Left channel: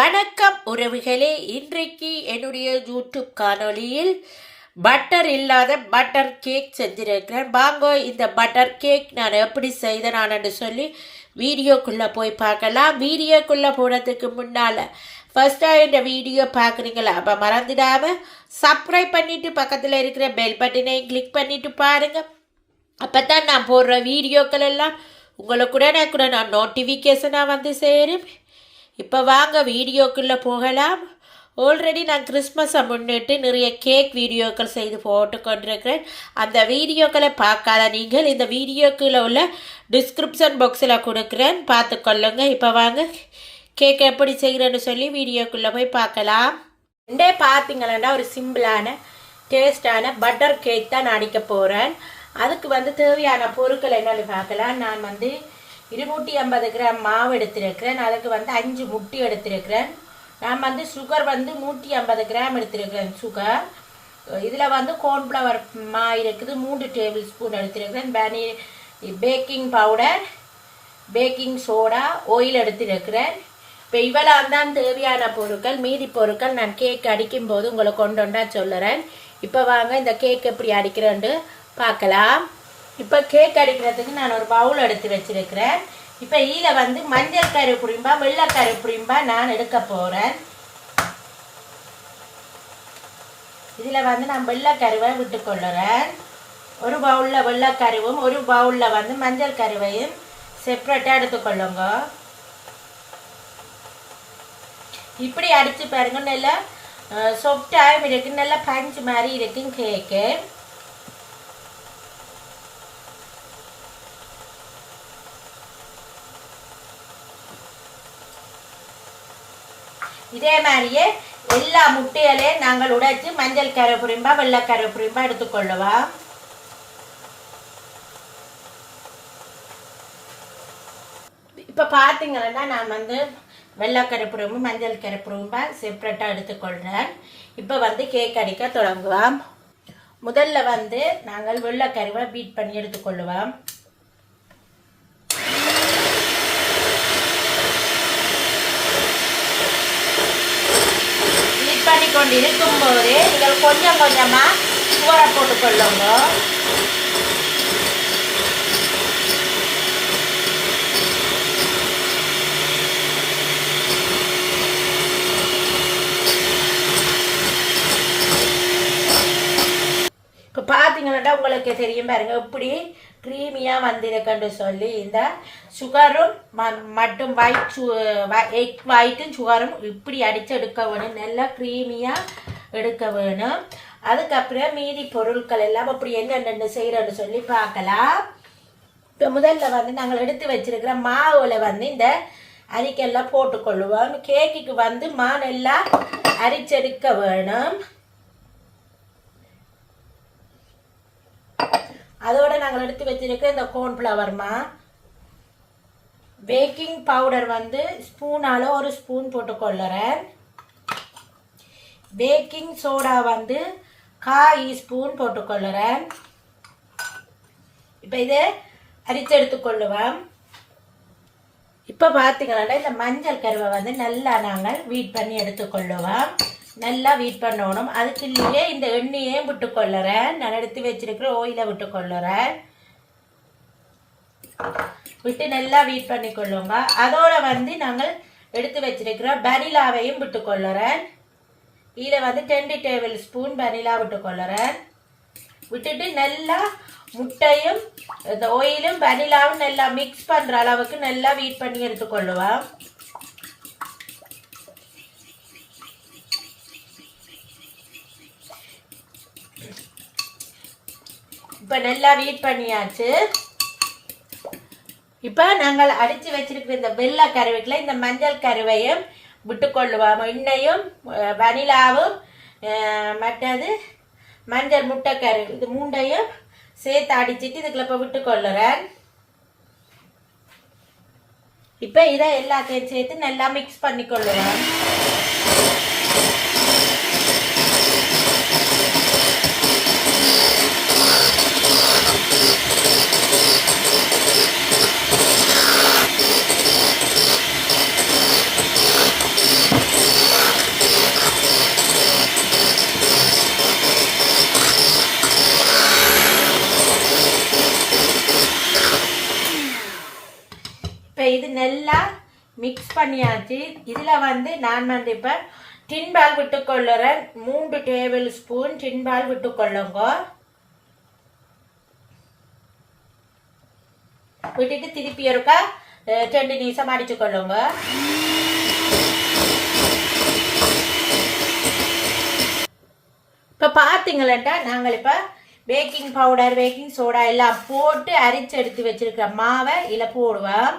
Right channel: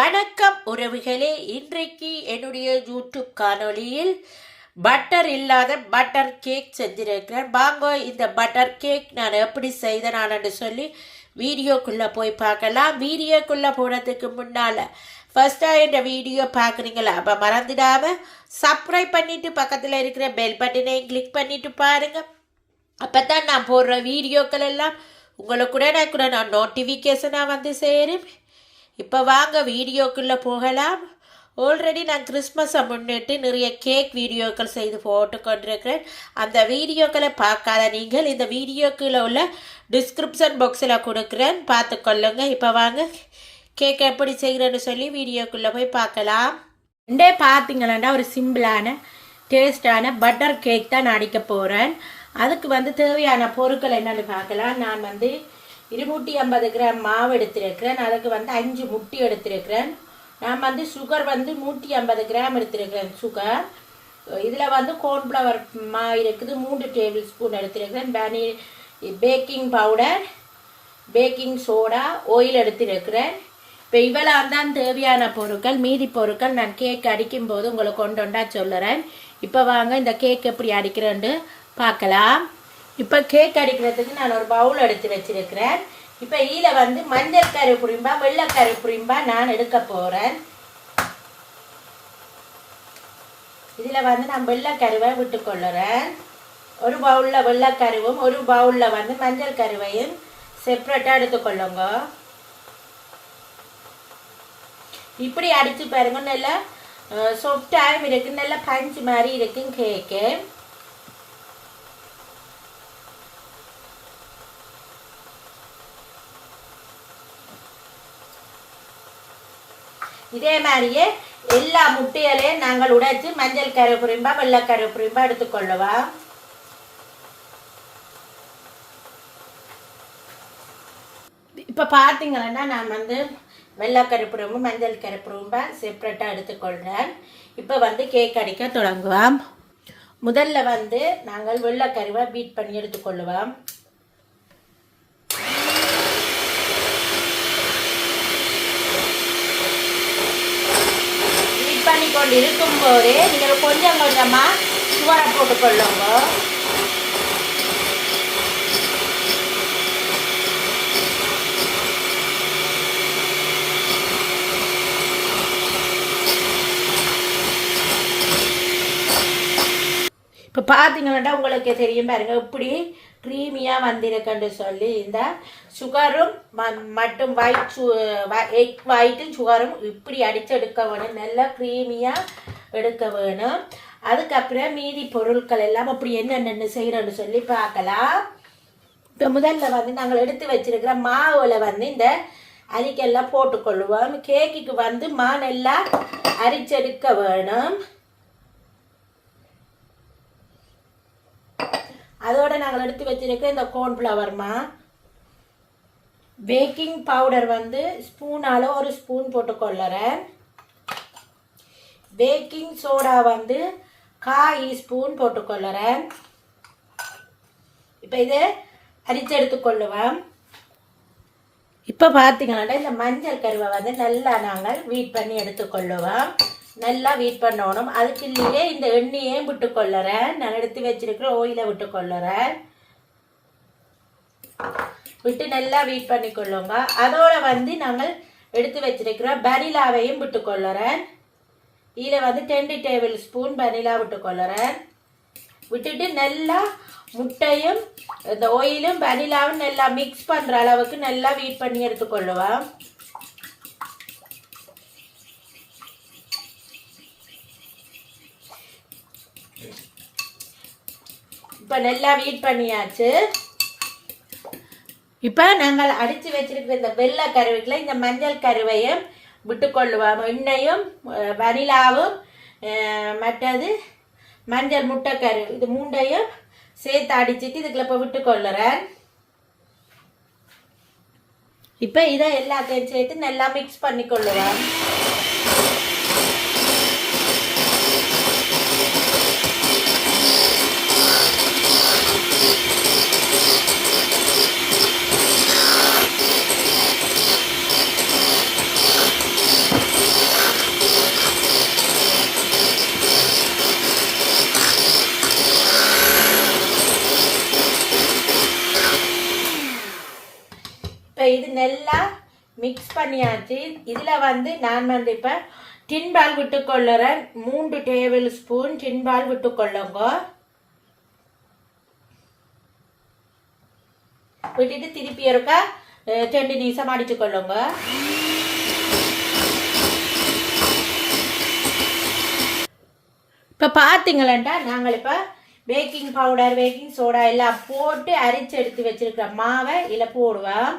வணக்கம் உறவுகளே, இன்றைக்கு என்னுடைய யூடியூப் காணொளியில் பட்டர் இல்லாத பட்டர் கேக் செஞ்சிருக்கிறேன். வாங்க இந்த பட்டர் கேக் நான் எப்படி செய்தேன்னு சொல்லி வீடியோக்குள்ளே போய் பார்க்கலாம். வீடியோக்குள்ளே போனதுக்கு முன்னால் ஃபஸ்ட்டாக இந்த வீடியோ பார்க்குறீங்களா? அப்போ மறந்துடாமல் சப்ஸ்கிரைப் பண்ணிவிட்டு பக்கத்தில் இருக்கிற பெல் பட்டனையும் கிளிக் பண்ணிவிட்டு பாருங்கள். அப்போ தான் நான் போடுற வீடியோக்கள் எல்லாம் உங்களுக்கு நான் நோட்டிஃபிகேஷனாக வந்து சேரும். இப்போ வாங்க வீடியோக்குள்ளே போகலாம். ஆல்ரெடி நான் கிறிஸ்மஸை முன்னிட்டு நிறைய கேக் வீடியோக்கள் செய்து போட்டு கொண்டிருக்கிறேன். அந்த வீடியோக்களை பார்க்காத நீங்கள் இந்த வீடியோக்குள்ளே உள்ள டிஸ்கிரிப்ஷன் பாக்ஸில் கொடுக்குறேன், பார்த்துக்கொள்ளுங்க. இப்போ வாங்க கேக் எப்படி செய்கிறேன்னு சொல்லி வீடியோக்குள்ளே போய் பார்க்கலாம். பார்த்தீங்களாண்டா ஒரு சிம்பிளான டேஸ்டான பட்டர் கேக் தான் நான் அடிக்க போகிறேன். அதுக்கு தேவையான பொருட்கள் என்னென்னு பார்க்கலாம். நான் 250 கிராம் மாவு எடுத்திருக்கிறேன். அதுக்கு 5 முட்டை எடுத்திருக்கிறேன். நான் சுகர் 150 கிராம் எடுத்திருக்கிறேன். சுகர் இதில் கார்ன்ஃப்ளவர் மா இருக்குது 3 டேபிள் ஸ்பூன் எடுத்திருக்கிறேன். Baking powder, baking soda, oil எடுத்திருக்கிறேன். இப்போ இவ்வளவு தான் தேவையான பொருட்கள். மீதி பொருட்கள் நான் கேக் அடிக்கும் போது உங்களை கொண்டு சொல்லுறேன். இப்போ வாங்க இந்த கேக் எப்படி அடிக்கிறேன்னு பார்க்கலாம். இப்போ கேக் அடிக்கிறதுக்கு நான் ஒரு பவுல் எடுத்து வச்சிருக்கிறேன். இப்போ இதில் மஞ்சள் கரு புரிம்பா வெள்ளைக்கரு புரிம்பா நான் எடுக்க போகிறேன். இதில் நான் வெள்ளைக்கருவை விட்டுக்கொள்ளுறேன். ஒரு பவுலில் வெள்ளைக்கருவும் ஒரு பவுலில் மஞ்சள் கருவையும் செப்ரேட்டாக எடுத்துக்கொள்ளுங்க. இப்படி அடித்து பாருங்க, நல்லா சாஃப்டாகவும் இருக்குது, நல்லா பஞ்சு மாதிரி இருக்கும் கேக்கு. இதே மாதிரியே எல்லா முட்டைகளையும் நாங்கள் உடைச்சு மஞ்சள் கரு புரிம்பா வெள்ளைக்கரு புரிம்பா எடுத்துக்கொள்ளுவோம். இப்போ பார்த்தீங்கன்னா நான் வெள்ளைக்கரு புரிம்பு மஞ்சள் கரு புரிம்பா செப்ரேட்டாக எடுத்துக்கொள்கிறேன். இப்போ கேக் அடிக்க தொடங்குவோம். முதல்ல நாங்கள் வெள்ளைக்கருவை பீட் பண்ணி எடுத்துக்கொள்ளுவோம். இருக்கும் போதே நீங்கள் கொஞ்சம் கொஞ்சமா சுகரை போட்டுக்கொள்ளுங்க. இப்போ பார்த்தீங்கன்னா உங்களுக்கு தெரியும் பாருங்க, இப்படி க்ரீமியாக வந்திருக்குன்னு சொல்லி இந்த சுகரும் மட்டும் எக் ஒயிட்டும் சுகரும் இப்படி அடித்து எடுக்க வேணும். நல்லா க்ரீமியாக எடுக்க வேணும். அதுக்கப்புறம் மீதி பொருட்கள் எல்லாம் அப்படி என்னென்ன செய்கிறோன்னு சொல்லி பார்க்கலாம். இப்போ முதல்ல நாங்கள் எடுத்து வச்சிருக்கிற மாவில் இந்த அரிக்கெல்லாம் போட்டுக்கொள்ளுவோம். கேக்குக்கு மா நல்லா அரிச்செடுக்க வேணும். அதோட நாங்கள் எடுத்து வச்சிருக்க இந்த கார்ன்ஃப்ளவர் மா, பேக்கிங் பவுடர் ஸ்பூனால ஒரு ஸ்பூன் போட்டுக்கொள்ளுறேன். பேக்கிங் சோடா 1/4 ஸ்பூன் போட்டுக்கொள்ளுறேன். இப்போ இதை அரிச்சு எடுத்துக்கொள்ளுவேன். இப்போ பார்த்தீங்கன்னா இந்த மஞ்சள் கருவை நல்லா நாங்கள் வீட் பண்ணி எடுத்துக்கொள்ளுவோம். நல்லா வீட் பண்ணணும். அதுக்குள்ளேயே இந்த எண்ணெயே விட்டுக்கொள்ளுறேன். நான் எடுத்து வச்சிருக்கிற ஆயிலை விட்டுக்கொள்ளுறேன். விட்டு நல்லா வீட் பண்ணிக்கொள்ளுங்க. அதோட நாங்கள் எடுத்து வச்சிருக்கிற வெனிலாவையும் விட்டுக்கொள்ளுறேன். இதில் 10 டேபிள் ஸ்பூன் வெனிலா விட்டுக்கொள்ளுறேன். விட்டுட்டு நல்லா முட்டையும் இந்த ஆயிலும் வெனிலாவும் நல்லா மிக்ஸ் பண்ணுற அளவுக்கு நல்லா வீட் பண்ணி எடுத்துக்கொள்ளுவேன். இப்போ நல்லா வீட் பண்ணியாச்சு. இப்போ நாங்கள் அடித்து வச்சிருக்கிற இந்த வெள்ளை கருவைக்குள்ள இந்த மஞ்சள் கருவையும் விட்டுக்கொள்ளுவோம். எண்ணெயும் வனிலாவும் மற்றது மஞ்சள் முட்டை கரு இது 3ஐயும் சேர்த்து அடிச்சுட்டு இதுக்குள்ள இப்போ விட்டுக்கொள்ளுறேன். இப்போ இதை எல்லாத்தையும் சேர்த்து நல்லா மிக்ஸ் பண்ணிக்கொள்ளுவேன். நல்லா மிக்ஸ் பண்ணியாச்சு. இதில் வந்து நான் வந்து இப்போ டின்பால் விட்டுக்கொள்ளுறேன். 3 டேபிள் ஸ்பூன் டின்பால் விட்டுக்கொள்ளுங்க. விட்டுட்டு திருப்பி இருக்கா 2 நிமிஷம் அடிச்சுக்கொள்ளுங்க. இப்போ பார்த்தீங்களா நாங்கள் இப்போ பேக்கிங் பவுடர் பேக்கிங் சோடா எல்லாம் போட்டு அரைச்சி எடுத்து வச்சிருக்கிற மாவை இதில் போடுவோம்.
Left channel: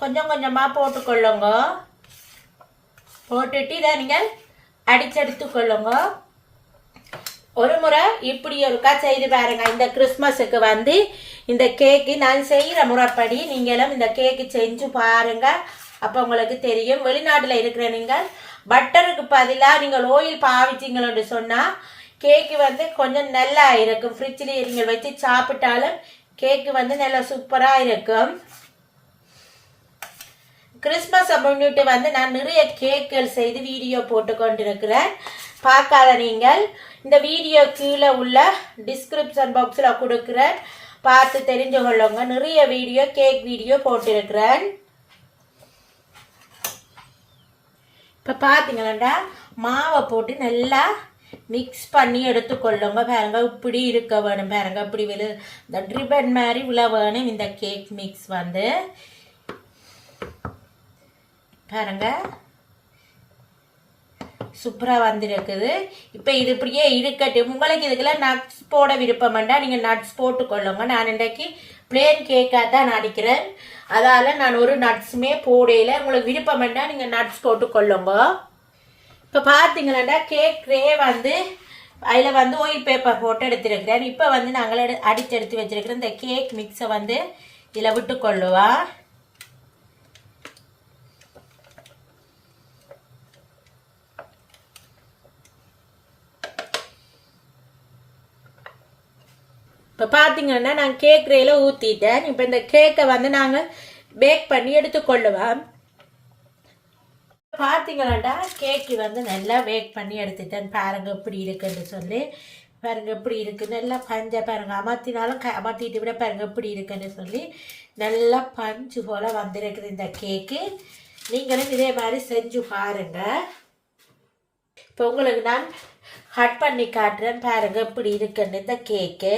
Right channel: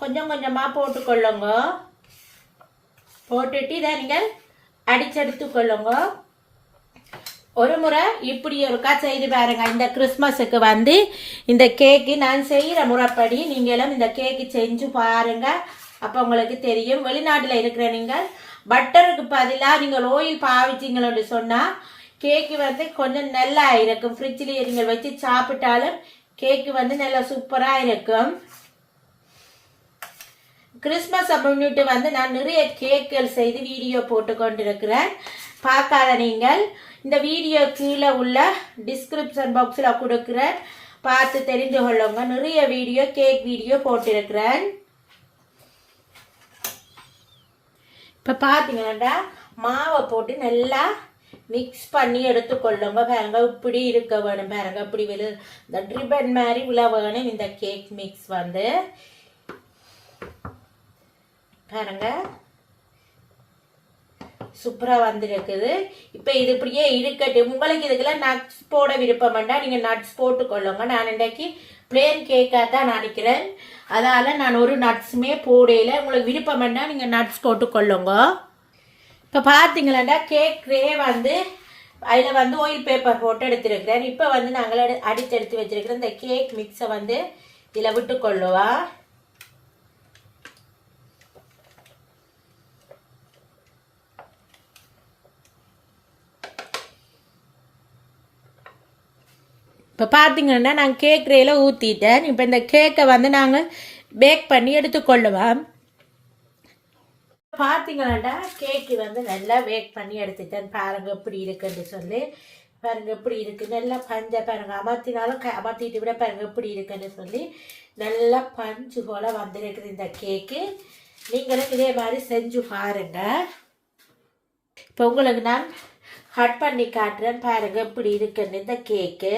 கொஞ்சம் கொஞ்சமாக போட்டுக்கொள்ளுங்க. போட்டுட்டு இதை நீங்கள் அடிச்செடுத்துக்கொள்ளுங்க. ஒரு முறை இப்படி ஒருக்கா செய்து பாருங்க. இந்த கிறிஸ்மஸுக்கு வந்து இந்த கேக்கு நான் செய்கிற முறைப்படி நீங்களும் இந்த கேக்கு செஞ்சு பாருங்க. அப்போ உங்களுக்கு தெரியும். வெளிநாட்டில் இருக்கிற நீங்கள் பட்டருக்கு பதிலாக நீங்கள் ஆயில் பாவிச்சிங்களோன்னு சொன்னால் கேக்கு வந்து கொஞ்சம் நல்லா இருக்கும். ஃப்ரிட்ஜில் நீங்கள் வச்சு சாப்பிட்டாலும் கேக்கு வந்து நல்லா சூப்பராக இருக்கும். கிறிஸ்மஸை முன்னிட்டு வந்து நான் நிறைய கேக்குகள் செய்து வீடியோ போட்டு கொண்டிருக்கிறேன். பார்க்காத நீங்கள் இந்த வீடியோ கீழே உள்ள டிஸ்கிரிப்ஷன் பாக்ஸில் கொடுக்குறேன், பார்த்து தெரிஞ்சு கொள்ளுங்க. நிறைய வீடியோ கேக் வீடியோ போட்டிருக்கிறேன். இப்போ பார்த்தீங்களா மாவை போட்டு நல்லா மிக்ஸ் பண்ணி எடுத்துக்கொள்ளுங்க. பாருங்க இப்படி இருக்க வேணும். பாருங்க இப்படி இந்த ரிப்பன் மாதிரி விழ வேணும் இந்த கேக் மிக்ஸ் வந்து. பாருங்க சூப்பராக வந்துருக்குது. இப்போ இது இப்படியே இருக்கட்டும். உங்களுக்கு இதுக்கெல்லாம் நட்ஸ் போட விருப்பம் வேண்டாம், நீங்கள் நட்ஸ் போட்டுக்கொள்ளுங்க. நான் இன்றைக்கு பிளேன் கேக்காக தான் நடிக்கிறேன், அதால் நான் ஒரு நட்ஸுமே போடையில். உங்களுக்கு விருப்பம் வேண்டாம் நீங்கள் நட்ஸ் போட்டுக்கொள்ளுங்க. இப்போ பார்த்தீங்களா கேக் ட்ரே வந்து அதில் வந்து ஆயில் பேப்பர் போட்டு எடுத்துருக்கிறேன். இப்போ வந்து நாங்கள் அடித்து எடுத்து வச்சுருக்கிறேன். இந்த கேக் மிக்ஸை வந்து இதில் விட்டுக்கொள்ளுவா. இப்போ பார்த்தீங்கன்னா நான் கேக் ட்ரேயில் ஊற்றிட்டேன். இப்போ இந்த கேக்கை வந்து நாங்கள் பேக் பண்ணி எடுத்துக்கொள்ளுவோம். பார்த்தீங்கன்னா கேக்கு வந்து நல்லா பேக் பண்ணி எடுத்துட்டேன். பாருங்க எப்படி இருக்குன்னு சொல்லி. பாருங்க எப்படி இருக்குது. நல்லா பஞ்சை பாருங்க அமர்த்தினாலும் அமர்த்திட்டு விட பாருங்க எப்படி இருக்குன்னு சொல்லி நல்லா பஞ்சு போல் வந்துருக்குது இந்த கேக்கு. நீங்களும் இதே மாதிரி செஞ்சு பாருங்க. இப்போ உங்களுக்கு நான் கட் பண்ணி காட்டுறேன். பாருங்க எப்படி இருக்குன்னு இந்த கேக்கு.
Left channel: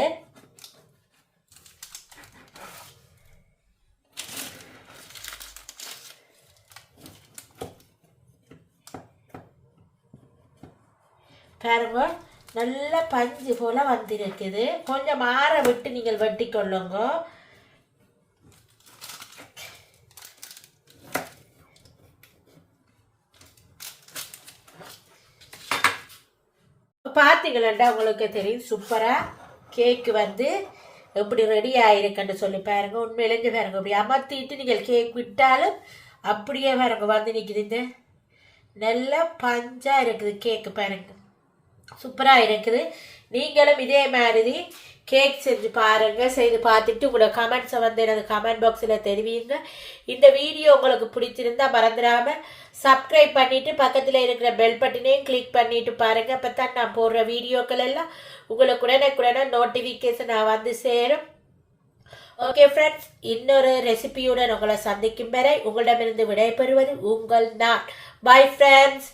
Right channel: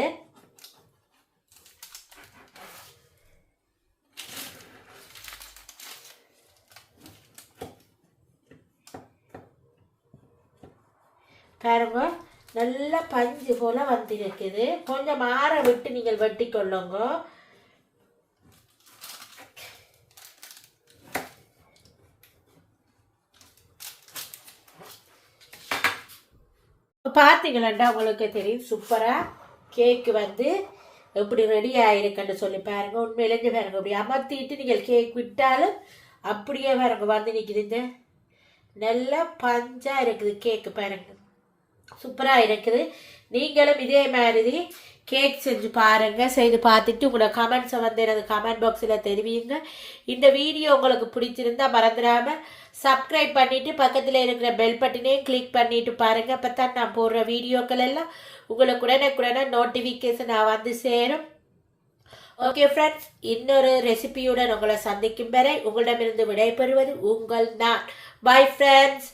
பாருங்க நல்லா பஞ்சு போல் வந்திருக்குது. கொஞ்சம் ஆற விட்டு நீங்கள் வெட்டி கொள்ளுங்க. பார்த்தீங்களா உங்களுக்கு தெரியும் சூப்பராக கேக்கு வந்து எப்படி ரெடி ஆகிருக்குன்னு சொல்லி பாருங்க. உண்மையிலேங்க பாருங்க அப்படி அமர்த்திட்டு நீங்கள் கேக் விட்டாலும் அப்படியே பாருங்க வந்து நிற்குதுங்க. நல்லா பஞ்சாக இருக்குது கேக்கு. பாருங்க சூப்பராக இருக்குது. நீங்களும் இதே மாதிரி கேக் செஞ்சு பாருங்கள். செய்து பார்த்துட்டு உங்களோட கமெண்ட்ஸை வந்து எனக்கு கமெண்ட் பாக்ஸில் தெரிவிங்க. இந்த வீடியோ உங்களுக்கு பிடிச்சிருந்தா மறந்துடாமல் சப்ஸ்கிரைப் பண்ணிவிட்டு பக்கத்தில் இருக்கிற பெல் பட்டனையும் கிளிக் பண்ணிவிட்டு பாருங்கள். அப்போ தான் நான் போடுற வீடியோக்கள் எல்லாம் உங்களுக்கு உடனே நோட்டிஃபிகேஷன் வந்து சேரும். ஓகே ஃப்ரெண்ட்ஸ், இன்னொரு ரெசிபியுடன் உங்களை சந்திக்கும் வரை உங்களிடமிருந்து விடைபெறுவது உங்கள் நான். Bye friends.